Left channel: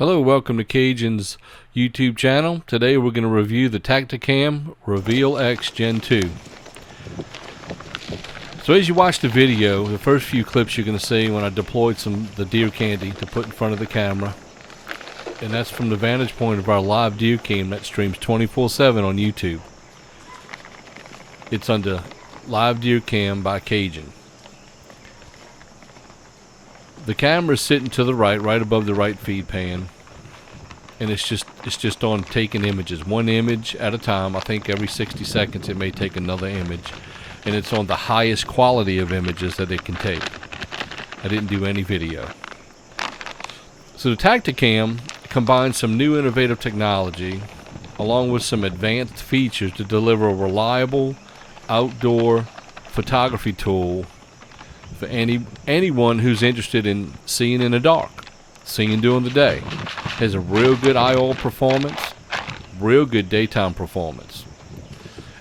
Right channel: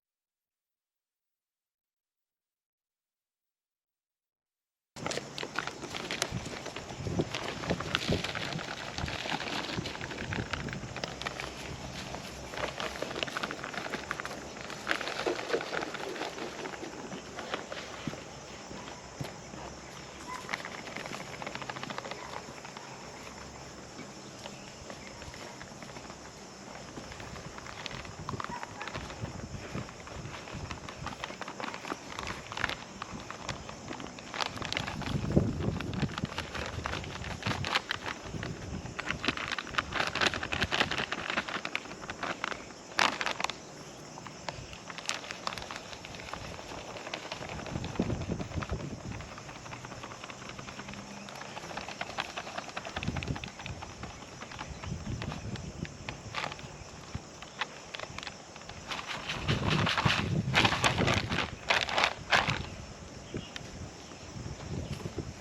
Hello, welcome to Cajun's YouTube channel. Today we're going to review the Tactacam Reveal X Gen 2. So as you watch the video, the first few clips you're going to see when I deployed the deer candy to put in front of the camera. And that's from the vantage point of our live deer cam that streams 24/7 on YouTube. It's under Live Deer Cam by Cajun. The camera is sitting to the right above the right feed pan, and it's just on taking images, one image at a time. I think every 60 seconds it may take another image, and it's on the highest quality of images that it can take. I didn't do any video. So the Tactacam combines some new innovative technology along with some advanced features to deliver a reliable outdoor photography tool for anyone who's interested in seeing in the dark, seeing during the day. Has a real good IR performance, real good daytime performance.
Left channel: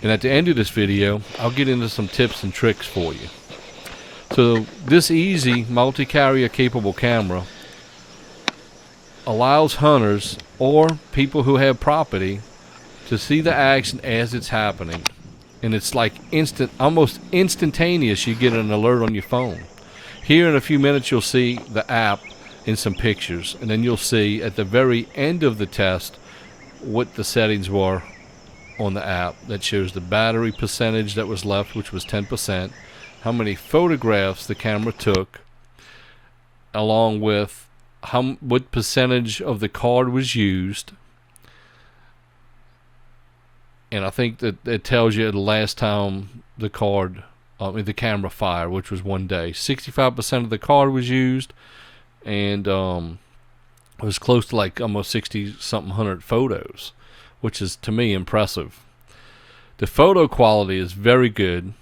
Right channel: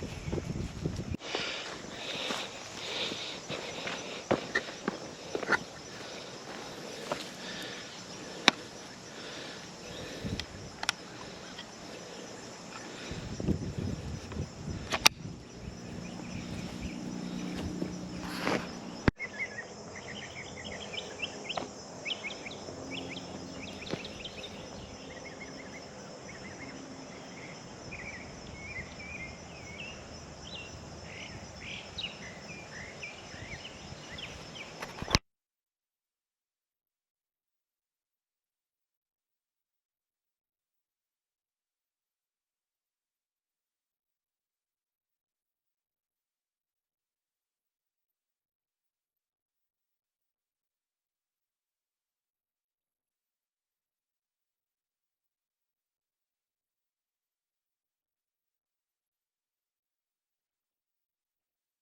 And at the end of this video, I'll get into some tips and tricks for you. So this easy multi-carrier capable camera allows hunters or people who have property to see the action as it's happening. And it's like almost instantaneous. You get an alert on your phone. Here in a few minutes you'll see the app in some pictures, and then you'll see at the very end of the test what the settings were on the app. That shows the battery percentage that was left, which was 10%, how many photographs the camera took, along with what percentage of the card was used. And I think that it tells you the last time the camera fired, which was one day. 65% of the card was used, and it was close to like almost 60-something hundred photos, which is to me impressive. The photo quality is very good.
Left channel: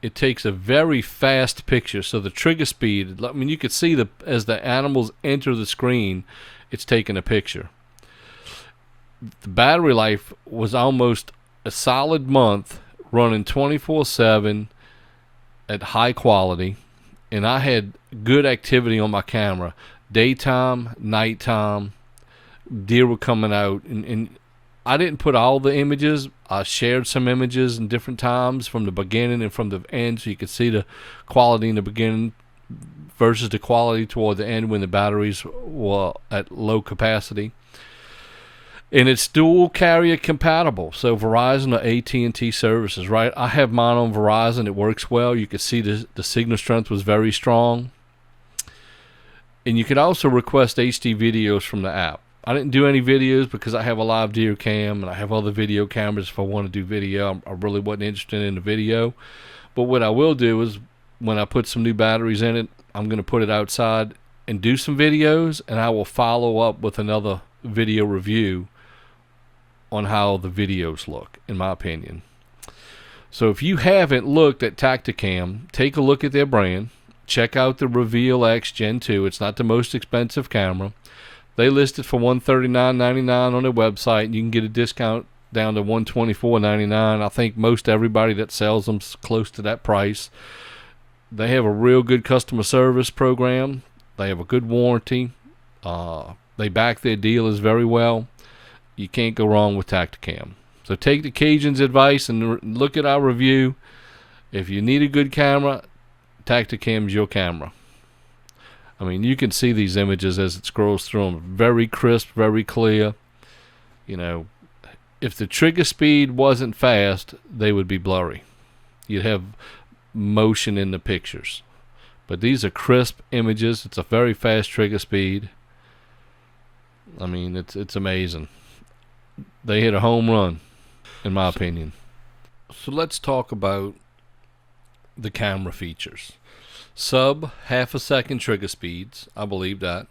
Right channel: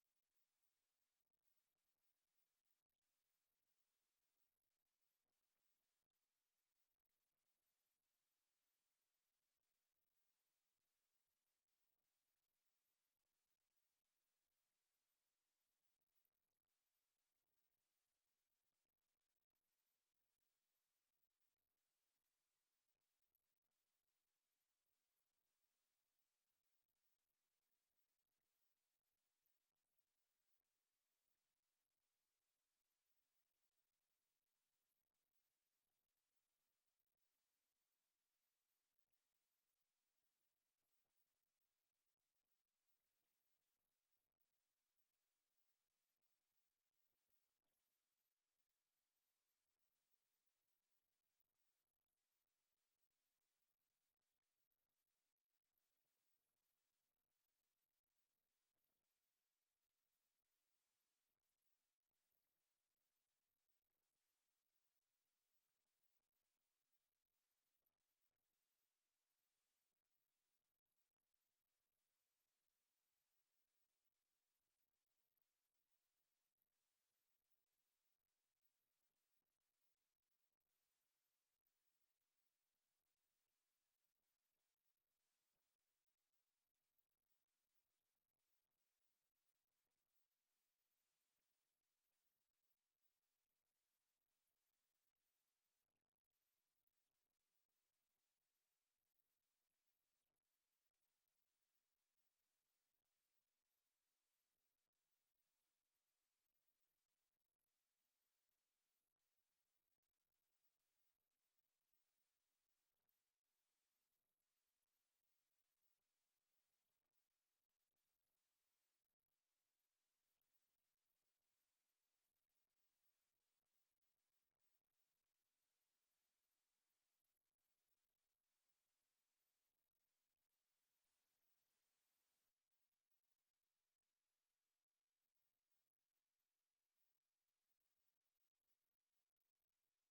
It takes a very fast picture, so the trigger speed, I mean, you could see as the animals enter the screen, it's taking a picture. The battery life was almost a solid month, running 24/7 at high quality, and I had good activity on my camera. Daytime, nighttime, deer were coming out, and I didn't put all the images. I shared some images in different times from the beginning and from the end, so you could see the quality in the beginning versus the quality toward the end when the batteries were at low capacity. And it's dual carrier compatible, so Verizon or AT&T services, right? I have mine on Verizon. It works well. You could see the signal strength was very strong. And you could also request HD videos from the app. I didn't do any videos because I have a live deer cam and I have other video cameras if I want to do video. I really wasn't interested in the video. But what I will do is when I put some new batteries in it, I'm going to put it outside and do some videos, and I will follow up with another video review on how the videos look, in my opinion. So if you haven't looked at Tactacam, take a look at their brand. Check out the Reveal X Gen 2. It's not the most expensive camera. They list it for $139.99 on their website, and you can get a discount down to $124.99. I think most everybody that sells them's close to that price. They have a real good customer service program. They have a good warranty. They back their dealers very well. You can't go wrong with Tactacam. So take the Cajun's advice and look at our review. If you need a good camera, Tactacam's your camera. I mean, you can see these images as it scrolls through them. Very crisp, very clear. You know, if the trigger speed wasn't fast, they would be blurry. You'd have motion in the pictures. But these are crisp images. It's a very fast trigger speed. I mean, it's amazing. They hit a home run, in my opinion. So let's talk about the camera features. Sub half a second trigger speeds. I believe that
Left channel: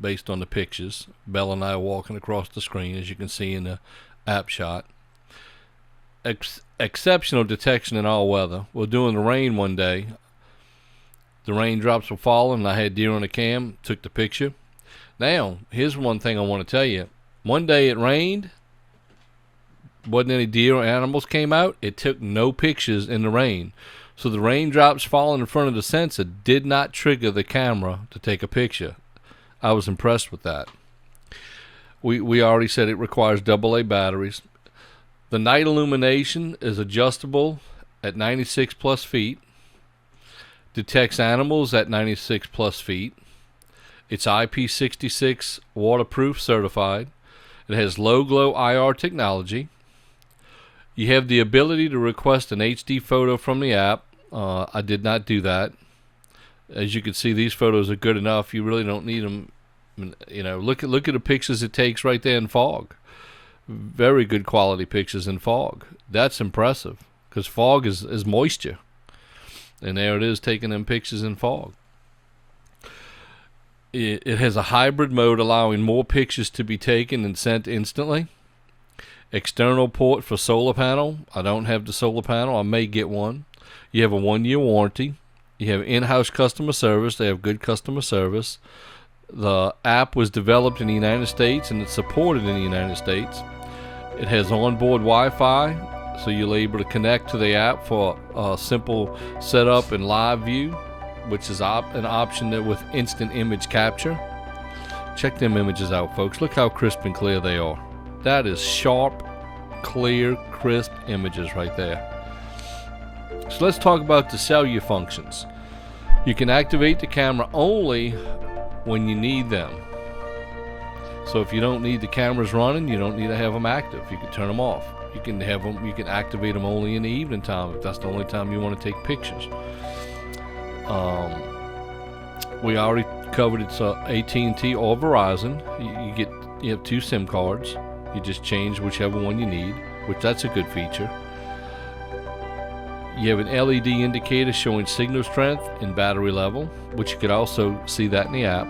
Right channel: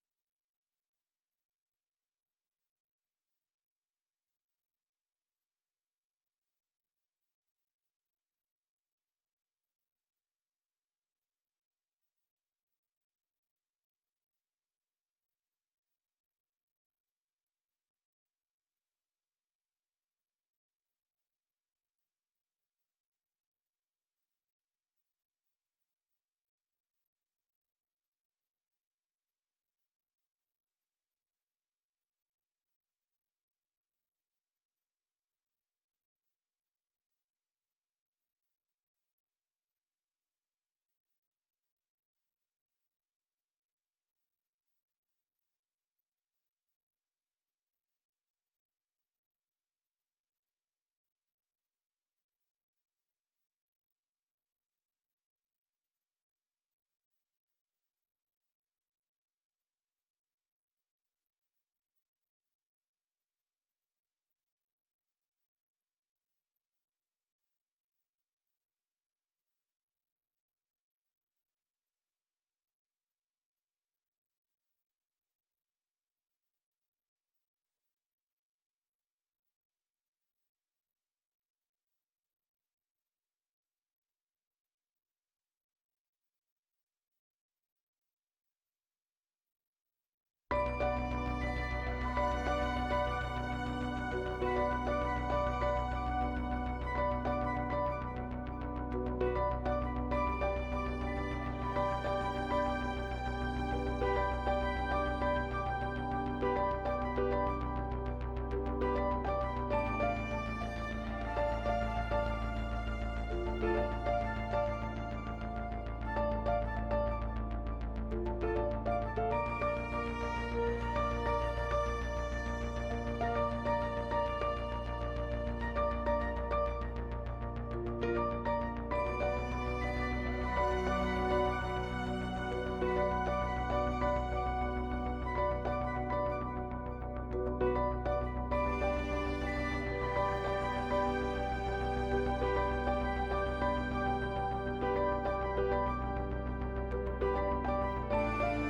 based on the pictures. Bella and I are walking across the screen, as you can see in the app shot. Exceptional detection in all weather. We're doing the rain one day. The raindrops were falling, and I had deer on the cam, took the picture. Now, here's one thing I want to tell you. One day it rained, wasn't any deer or animals came out. It took no pictures in the rain. So the raindrops falling in front of the sensor did not trigger the camera to take a picture. I was impressed with that. We already said it requires AA batteries. The night illumination is adjustable at 96 plus feet. Detects animals at 96 plus feet. It's IP66 waterproof certified. It has low glow IR technology. You have the ability to request an HD photo from the app. I did not do that. As you can see, these photos are good enough. You really don't need them. You know, look at the pictures it takes right there in fog. Very good quality pictures in fog. That's impressive, because fog is moisture. And there it is, taking them pictures in fog. It has a hybrid mode allowing more pictures to be taken and sent instantly. External port for solar panel. I don't have the solar panel. I may get one. You have a 1-year warranty. You have in-house customer service. They have good customer service. The app was developed in the United States and it's supported in the United States. It has onboard Wi-Fi, so you're able to connect to the app for a simple setup and live view, which is an option there with instant image capture. Check them images out, folks. Look how crisp and clear they are. That is sharp, clear, crisp images right there. So let's talk about the cellular functions. You can activate the camera only when you need them. So if you don't need the cameras running, you don't need to have them active. You can turn them off. You can have them. You can activate them only in the evening time if that's the only time you want to take pictures. We already covered it's AT&T or Verizon. You have 2 SIM cards. You just change whichever one you need, which that's a good feature. You have an LED indicator showing signal strength and battery level, which you could also see that in the app.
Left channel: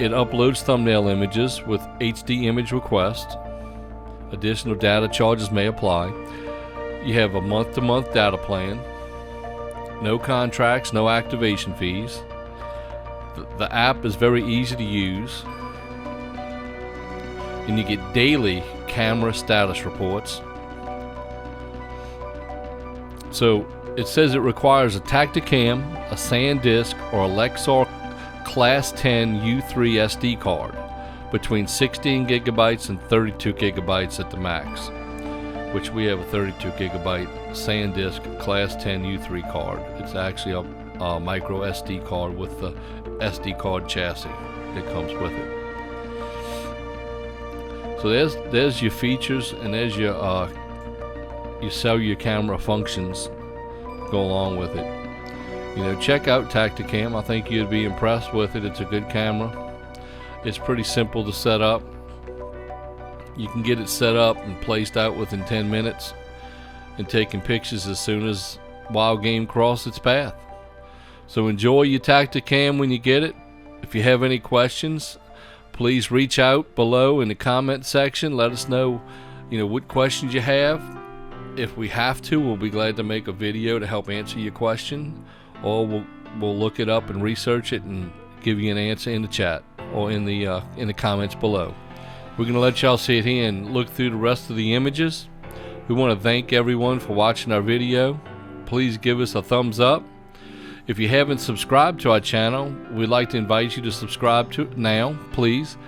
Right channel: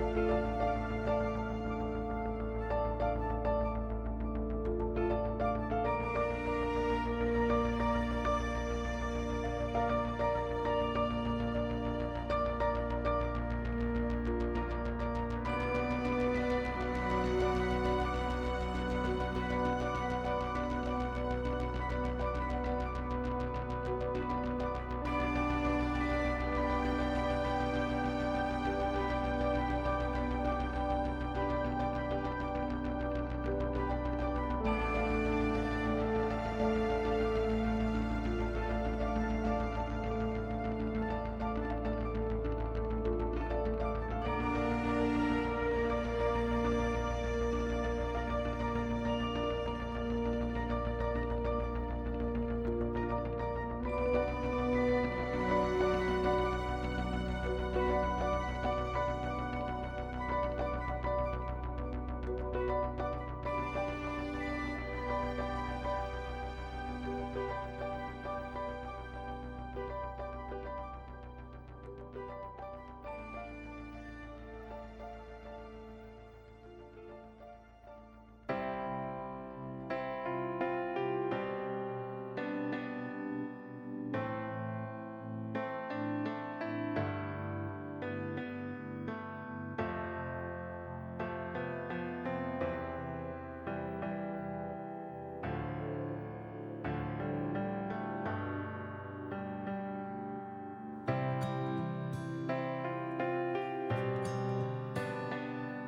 It uploads thumbnail images with HD image request. Additional data charges may apply. You have a month-to-month data plan. No contracts, no activation fees. The app is very easy to use. And you get daily camera status reports. So it says it requires a Tactacam, a SanDisk, or a Lexar Class 10 U3 SD card between 16 gigabytes and 32 gigabytes at the max, which we have a 32 gigabyte SanDisk Class 10 U3 card. It's actually a micro SD card with the SD card chassis that comes with it. So there's your features, and there's your cellular camera functions go along with it. You know, check out Tactacam. I think you'd be impressed with it. It's a good camera. It's pretty simple to set up. You can get it set up and placed out within 10 minutes and taking pictures as soon as wild game cross its path. So enjoy your Tactacam when you get it. If you have any questions, please reach out below in the comment section. Let us know, what questions you have. If we have to, we'll be glad to make a video to help answer your question, or we'll look it up and research it and give you an answer in the chat or in the comments below. We're going to let y'all sit here and look through the rest of the images. We want to thank everyone for watching our video. Please give us a thumbs up. If you haven't subscribed to our channel, we'd like to invite you to subscribe to it now. Please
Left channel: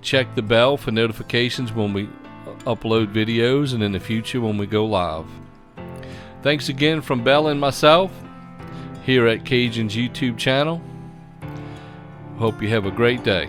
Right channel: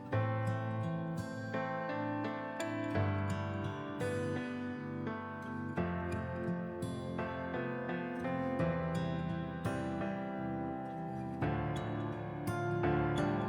check the bell for notifications when we upload videos and in the future when we go live. Thanks again from Bell and myself here at Cajun's YouTube channel. Hope you have a great day.